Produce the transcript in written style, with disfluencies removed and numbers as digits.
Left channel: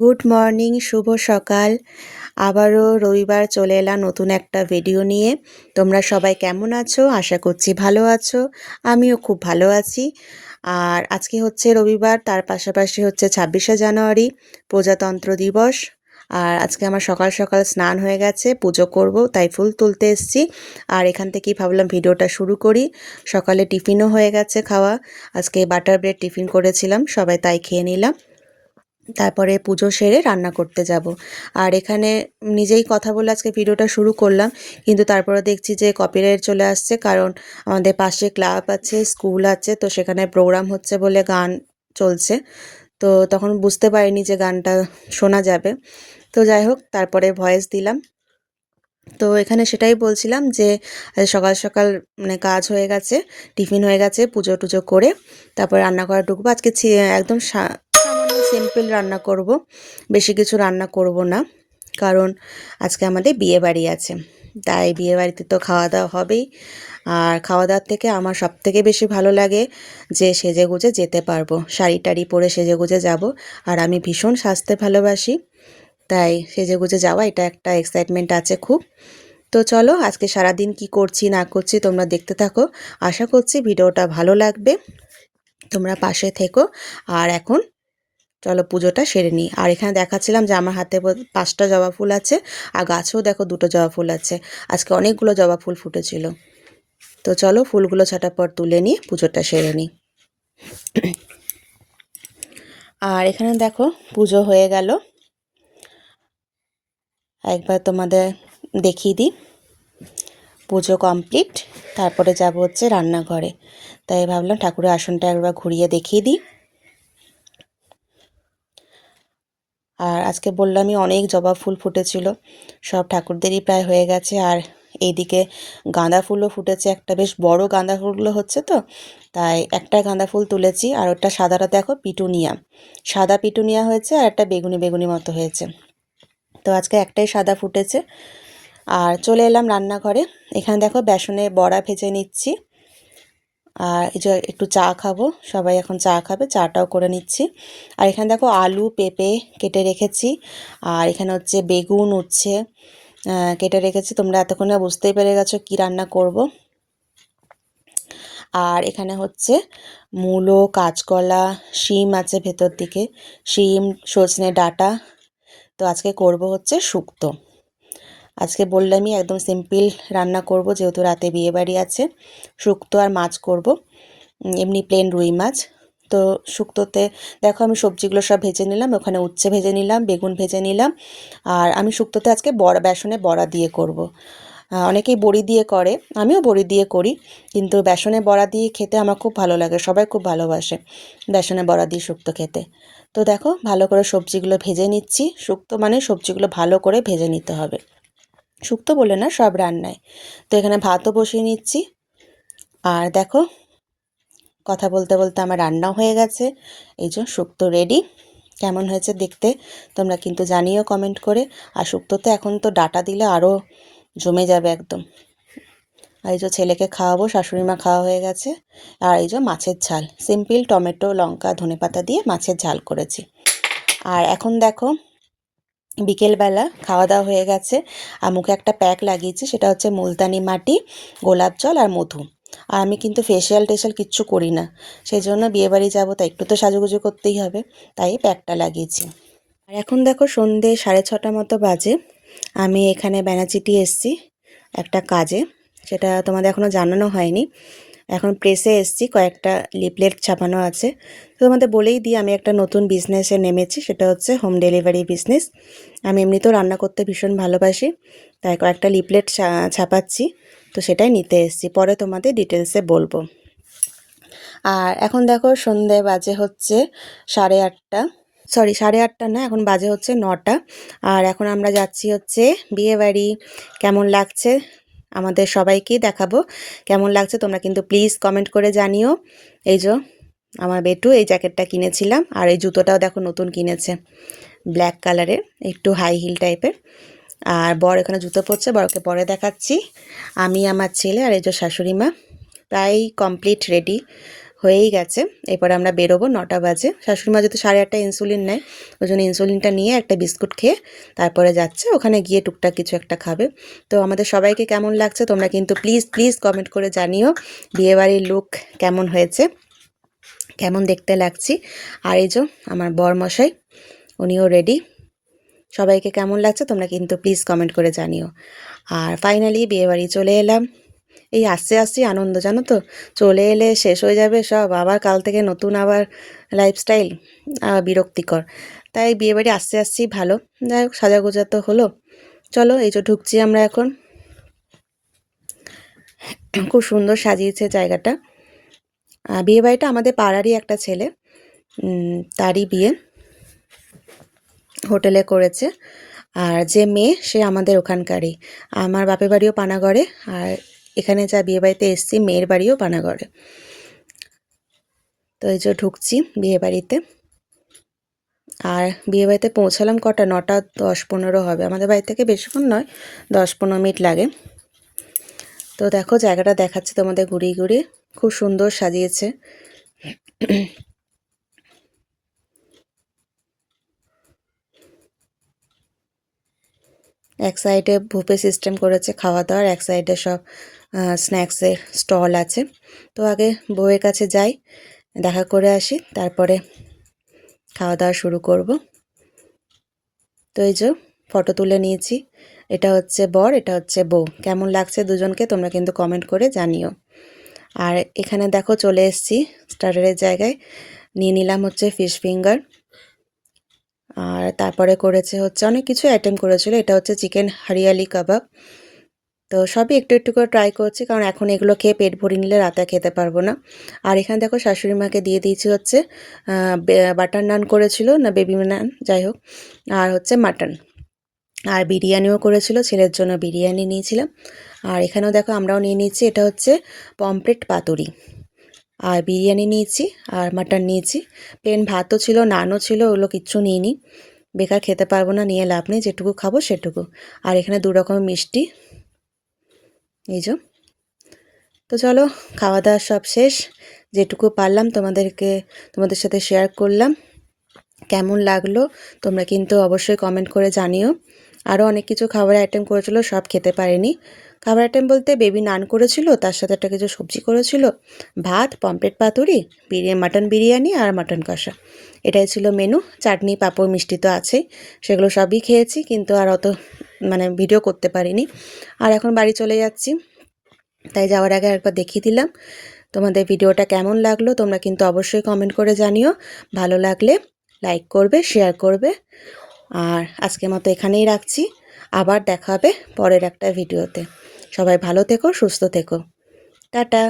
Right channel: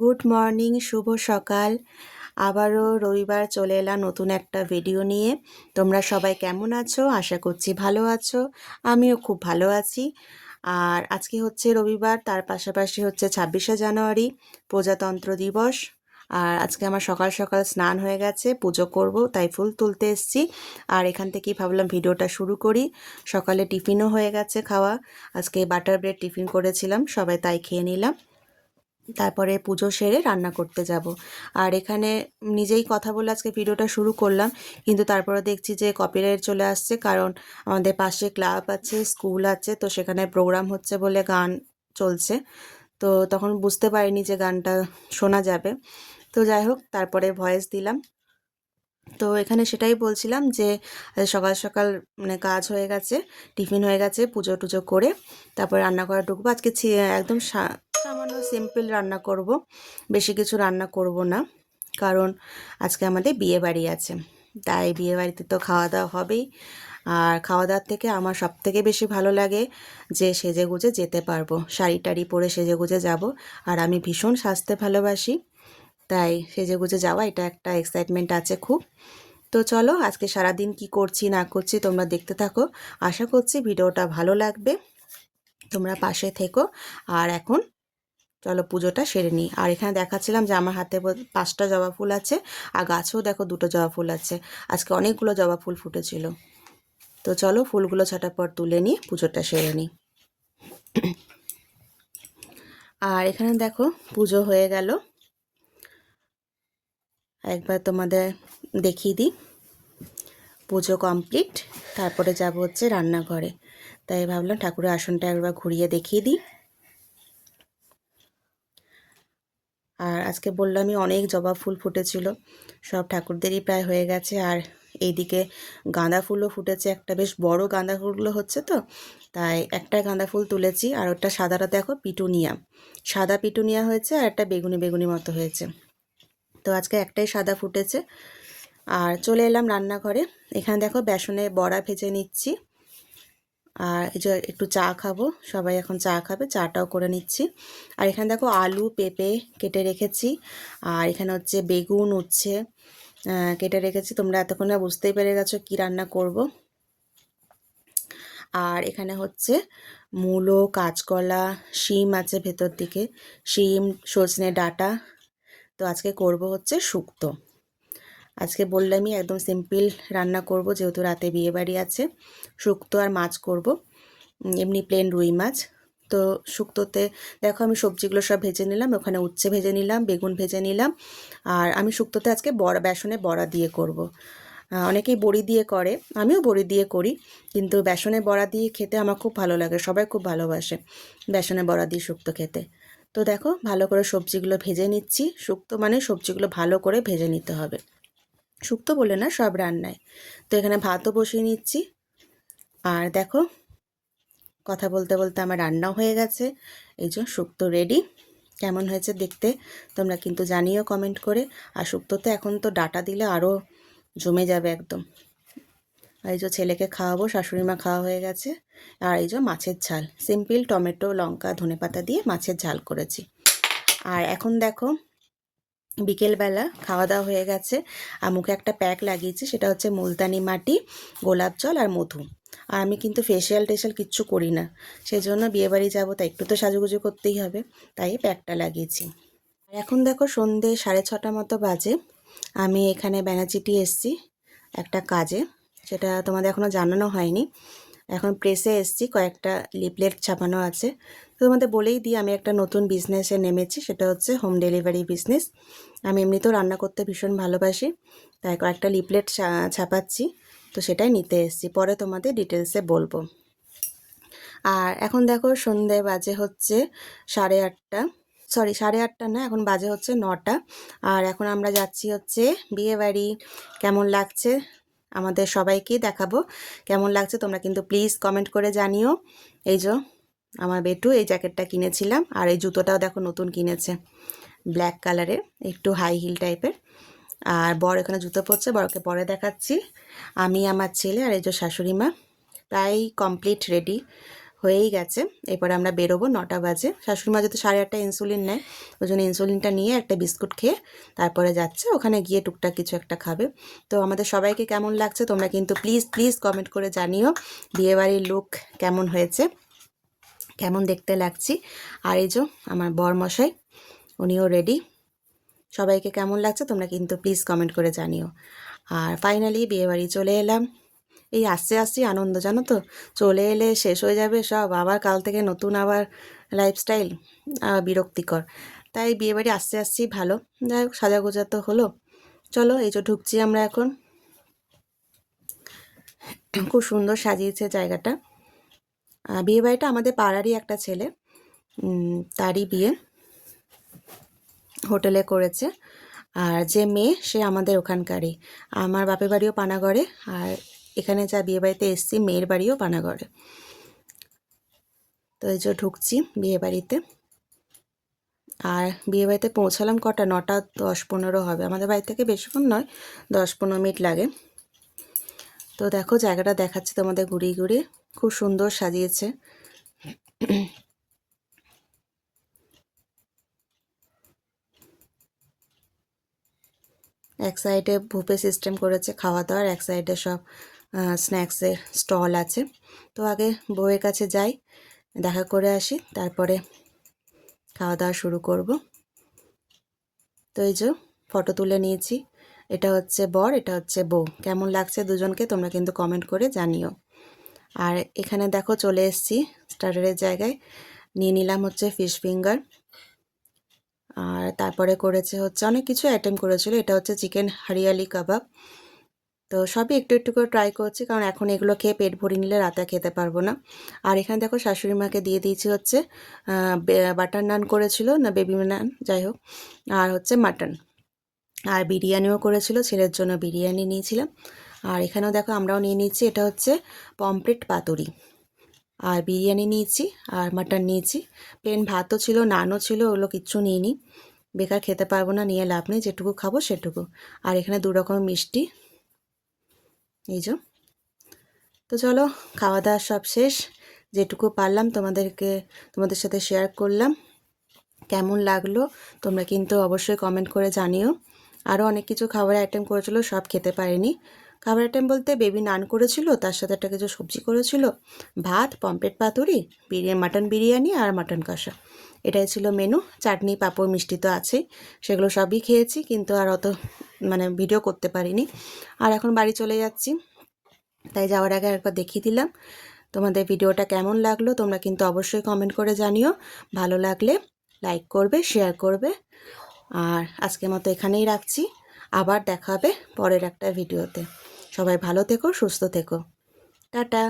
Good morning, শুভ সকাল। আবারও রবিবার চলে এলাম নতুন একটা ভিডিও নিয়ে। তোমরা সবাই কেমন আছো? আশা করছি ভালো আছো। আমিও খুব ভালো আছি। আর আজকে হচ্ছে রবিবার, তার পাশাপাশি হচ্ছে 26শে জানুয়ারি, প্রজাতন্ত্র দিবস। আর আজকে আমার সকাল সকাল স্নান হয়ে গেছে, পুজো করব, তাই ফুল তুলতে এসেছি। আর এখান থেকেই ভাবলাম ভিডিওটা শুরু করি। সকালে টিফিনও হয়ে গেছে খাওয়া। আজকে বাটার ব্রেড টিফিন করেছিলাম, সবাই তাই খেয়ে নিলাম। তারপরে পুজো সেরে রান্না করতে যাব। আর এখানে নিজেই কথা বলে আজকে ভিডিওটা শুরু করলাম, কিন্তু তারপরে দেখছি যে কপিরাইট চলে আসছে, কারণ আমাদের পাশে ক্লাব আছে, স্কুল আছে, তো সেখানে প্রোগ্রাম হচ্ছে বলে গান চলছে। তো তখন বুঝতে পারিনি যে গানটা শোনা যাবে। তো যাই হোক, তারপরে ভয়েস দিলাম। তো এখানে সেটাই বলছিলাম যে সকাল সকাল মানে কাজ হয়ে গেছে, টিফিন হয়ে গেছে, পুজো টুজো করে তারপরে রান্না করা ঢুকবো। আজকে একদম সামান্য সিম্পল রান্না করব, বেশি কিছু রান্না করব না, কারণ আজকে আমাদের বিয়ে বাড়ি আছে। তাই বিয়ে বাড়িতে তো খাওয়া দাওয়া হবেই। আর খাওয়া দাওয়ার থেকে আমার সব থেকে বেশি ভালো লাগে যে সেজে গুজে যেতে পারবো, শাড়ি টাড়ি পরে সেজে গুজে যাব। আর আমি ভীষণ সাজতে ভালোবাসি, তাই সেজেগুজে যাওয়া এটা একটা এক্সাইটমেন্ট আছে খুব। তো চলো, আজকে সারাদিন কি করছি না করছি তোমরা দেখতে থাকো। আশা করছি ভিডিওটা ভালো লাগবে, তোমরা পাশে থেকো। আর এখন চলো পুজোটা সেরে নিই। আর এখানে দেখাচ্ছিলাম যে আমার হাতে 5টা জবা ফুল আছে, আর গাছেও দেখো 2টো জবা ফুল আছে। আজকে অনেকগুলো জবা ফুল ফুটেছিল। তো চলো ফুলগুলো ঝটাপট তুলে নিই, পুজোটা সেরে নিই। আর এখানে দেখো পুজো হয়ে গেল, একবার তোমাদের দেখিয়ে দিই। পুজো কমপ্লিট, তারপরে যাব হচ্ছে রান্নাঘরে। তাই ভাবলাম ঠাকুরের আসনটা একবার ঘুরিয়ে দেখিয়ে দিই। আর আজকে বললামই অনেক জবা ফুল ফুটেছিল, সব ঠাকুরদেরই প্রায় হয়ে গেছে। আর এইদিকে গাঁদা ফুলও ফুটেছে, একটা বেশ বড় গাঁদা ফুলগুলো হচ্ছে, তো তাই একটা গাঁদা ফুল তুলেছি। আর ওটা সাদাটা দেখো পিটুনিয়া, সাদা পিটুনিয়া হয়েছে, আর একটা বেগুনি বেগুনি মতো হয়েছে। তো আজকে একটাই সাদা ফুটেছে। আর চলে এলাম রান্নাঘরে। এখানে দেখো বেসনে বড়া ভেজে নিচ্ছি। আর এই যে একটু চা খাবো, সবাই এখন চা খাবে, চাটাও করে নিচ্ছি। আর এখানে দেখো আলু পেঁপে কেটে রেখেছি। আর এখানে হচ্ছে বেগুন উচ্ছে কেটে রেখেছি। তোমরা এতক্ষণে বুঝতেই পেরে গেছো কি রান্না করব। আর এখানে হচ্ছে মূলো, কাঁচকলা, শিম আছে ভেতর দিকে, শিম, সজনে ডাঁটা। তো আজকে করব হচ্ছে শুক্তো। আজকে বললামই একদম সিম্পল রান্না করব, যেহেতু রাতে বিয়েবাড়ি আছে। শুক্তো আর মাছ করব, এমনি প্লেন রুই মাছ। তো শুক্তোতে দেখো আমি সবজিগুলো সব ভেজে নিলাম, ওখানে উচ্ছে ভেজে নিলাম, বেগুন ভেজে নিলাম। আর আমি শুক্তোতে আজকে বড়া, বেসনে বড়া দিয়ে করব। অনেকেই বড়ি দিয়ে করে, আমিও বড়ি দিয়ে করি, কিন্তু বেসনে বড়া দিয়ে খেতে আমার খুব ভালো লাগে, সবাই খুব ভালোবাসে বেসনে বড়া দিয়ে শুক্তো খেতে। তো দেখো ভালো করে সবজিগুলো ভেজে নিচ্ছি। শুক্তো মানে সবজিগুলো ভালো করে ভেজে নিতে হবে, শুক্তো বলে না, সব রান্নায়। তো এখানে ভাতও বসিয়ে নিচ্ছি। আর দেখো কথা বলতে বলতে আমার রান্নাও হয়ে গেছে। এই যে শুক্তো রেডি। কেমন হয়েছে দেখতে তোমরা কিন্তু জানিও কমেন্ট করে। আর শুক্তোতে এখন তো ডাঁটা দিলে আরও জমে যাবে একদম। আর এই যে ছেলেকে খাওয়াবো, শাশুড়ি মা খাওয়া হয়ে গেছে। আর এই যে মাছের ঝাল, সিম্পল টমেটো লঙ্কা ধনেপাতা দিয়ে মাছের ঝাল করেছি। আর এখন দেখো বিকেলবেলা খাওয়া দাওয়া হয়ে গেছে, আর মুখে একটা প্যাক লাগিয়েছি, সেটা হচ্ছে মুলতানি মাটি, গোলাপ জল আর মধু। আর আমি কিন্তু ফেশিয়াল টেশিয়াল কিচ্ছু করি না, সেই জন্য বিয়েবাড়ি যাবো, তাই একটু তো সাজুগুজু করতেই হবে, তাই প্যাকটা লাগিয়েছি। আর এখন দেখো সন্ধে 6:30 মতো বাজে। আমি এখানে বেনাচিটি এসছি একটা কাজে, সেটা তোমাদের এখনও জানানো হয়নি। এখন প্রেসে এসছি, কয়েকটা লিফলেট ছাপানো আছে। তো তোমাদের বলেই দিই, আমি একটা নতুন বিজনেসে নেমেছি, সেটা হচ্ছে হোম ডেলিভারি বিজনেস। আমি এমনিতেও রান্না করতে ভীষণ ভালোবাসি, তাই কয়েকটা লিফলেট ছাপাচ্ছি। তো সেটাই নিতে এসছি, পরে তোমাদের ডিটেলসে বলবো। আর এখন দেখো সন্ধে বাজে হচ্ছে 8:30, সরি 8:30 না, এখন বাজে হচ্ছে 9টা। আর এখন আমরা যাচ্ছি হচ্ছে বিয়েবাড়ি। কেমন লাগছে আমাদের সবাইকেই দেখাবো, কেমন লাগছে তোমরা কিন্তু প্লিজ কমেন্ট করে জানিও। এই যে আমার বেটু এই জ্যাকেটটা কিনেছিলাম, আর এই জুতোটাও দেখো নতুন কিনেছে, ব্ল্যাক কালারের, একটু হাই হিল টাইপের। আর বর এখানে জুতো পরছে, বরকে পরে দেখাচ্ছি। আমি, আমার ছেলে আর এই যে শাশুড়ি মা প্রায় কমপ্লিট রেডি হয়েই গেছে। এরপরে আমরা বেরোবো, 9টা বাজে। শাশুড়িমা যেহেতু 8:30 ইনসুলিন নেয়, ওই জন্য ইনসুলিনটা নিয়ে একটা বিস্কুট খেয়ে তারপরে যাচ্ছে, ওখানে গিয়ে টুকটাক কিছু একটা খাবে। তো আমাদের সবাইকে কেমন লাগছে তোমরা কিন্তু প্লিজ প্লিজ কমেন্ট করে জানিও বিয়েবাড়ির লুক কেমন হয়েছে, কেমন দেখতে লাগছি। আর এই যে আমার বরমশাই, উনিও রেডি। সবাইকে কেমন লাগছে তোমরা কিন্তু প্লিজ কমেন্ট করে জানিও। আর ফাইনালি বিয়েবাড়ি চলে এলাম। এই আসতে আসতেই আনন্দ, জানো তো, চলে এলে শেষ হয়ে যাবে সব, আবার কাল থেকে নতুন আবার লাইফস্টাইল, বিরক্তিকর। তাই বিয়েবাড়ি আসতে আসতেই ভালো। যাই হোক, সাজাগোজা তো হলো। চলো, এই যে ঢুকছি আমরা এখন। খুব সুন্দর সাজিয়েছে জায়গাটা। বিয়েবাড়িটা আমাদের পাড়ারই একটা ছেলে, তারই বিয়ে, হোটেলে করেছে। আর যে মেয়ে সে আমাদের ওখানকারই, আমার বাপের বাড়িও পানাগড়ে, আর এখানে যা বিয়ে বাড়িতে এসছি মেয়ের বাড়িও পানাগড়ে। তো এই যে ঢুকছি বিয়ে বাড়িতে। আর বিয়ে বাড়িতে পৌঁছালাম কটা, 9টা 10-15 হবে। আমাদের বাড়ি থেকে বেশিক্ষণ নয়, 10-15 মিনিট লাগে। তো দেখো জায়গাটা দেখাচ্ছে তোমাদের ঘুরিয়ে ঘুরিয়ে, খুব সুন্দর সাজিয়েছে। এক সাইডে বুফে সিস্টেম করেছে খাওয়া দাওয়ার, এক সাইডে সব স্ন্যাক্সের স্টল আছে। তো আগে বউয়ের কাছে যাই, দেখা করে আসি, তারপরে খাওয়া দাওয়া শুরু করব। তো এই যে ফটো তুলে নিয়েছি, এটা হচ্ছে বর, এটা হচ্ছে বউ। কেমন লাগছে দুজনকে তোমরা কিন্তু কমেন্ট করে জানিও। আর এখানে দেখো চলে এসেছি স্টার্টারের জায়গায়, নিয়ে নিলাম হচ্ছে ফিশ ফিঙ্গার। আর তারপরে করেছে হচ্ছে অনেক কিছু আইটেম করেছিল, এটা হচ্ছে চিকেন হরিয়ালি কাবাব। তো সবই একটু একটু করে ট্রাই করছি, কারণ এখন এগুলো খেয়ে পেট ভরে নিলে রাতে খেতে পারবো না। আর এখানে দেখো শাশুড়ি মাকে দিয়ে দিয়েছি হচ্ছে বাটার নান করেছিল, না বেবি নান যাই হোক, আর হচ্ছে মাটন। আর বিরিয়ানিও করেছিল, ছেলের জন্য বিরিয়ানি নিয়েছিলাম। আর এখানেও দেখো আমরাও নিয়ে নিয়েছি, এটা হচ্ছে পমফ্রেট পাতুরি। আর বিরিয়ানি নিয়েছি আর মাটন নিয়েছি। প্লেন ভাতও ছিল, নানও ছিল, ওগুলো কিচ্ছু নিইনি, বেকার খেতে পারবো না, নিয়ে লাভ নেই, যেটুকু খাবো সেটুকু। আর এখানে 2 রকমের মিষ্টি, এই যে। তো চলো, খাওয়া দাওয়া সব শেষ, যেটুকু পারলাম তোমাদের সাথে শেয়ার করলাম। কেমন লাগলো তোমরা কিন্তু অবশ্যই কমেন্ট করে জানিও। আরও অনেক কিছু খাবারের আইটেম করেছিল, সব খেতে পারিনি। খাবার আইটেম বলতে বেবি নান করেছিল, তার সাথে একটা কিছু সবজি করেছিল, ভাত, পমফ্রেট পাতুরি, মাটন বিরিয়ানি আর মাটন কষা, এটাই ছিল মেনু। চাটনি পাঁপড় মিষ্টি তো আছেই, সেগুলো সবই খেয়েছি, কিন্তু আর অত ভিডিও করতে পারিনি। আর এখন বাড়ি চলে যাচ্ছি, তাই যাওয়ার আগে একবার দেখিয়ে দিলাম। তোমাদের ভিডিওটা কেমন লাগলো তোমরা কিন্তু অবশ্যই কমেন্ট করে জানিও। ভালো লাগলে লাইক করবে, শেয়ার করবে। আর আজকের মতো এখানেই রাখছি, আবার দেখা হবে পরের একটা ভিডিওতে। সবাই ভালো থেকো, সুস্থ থেকো, টাটা।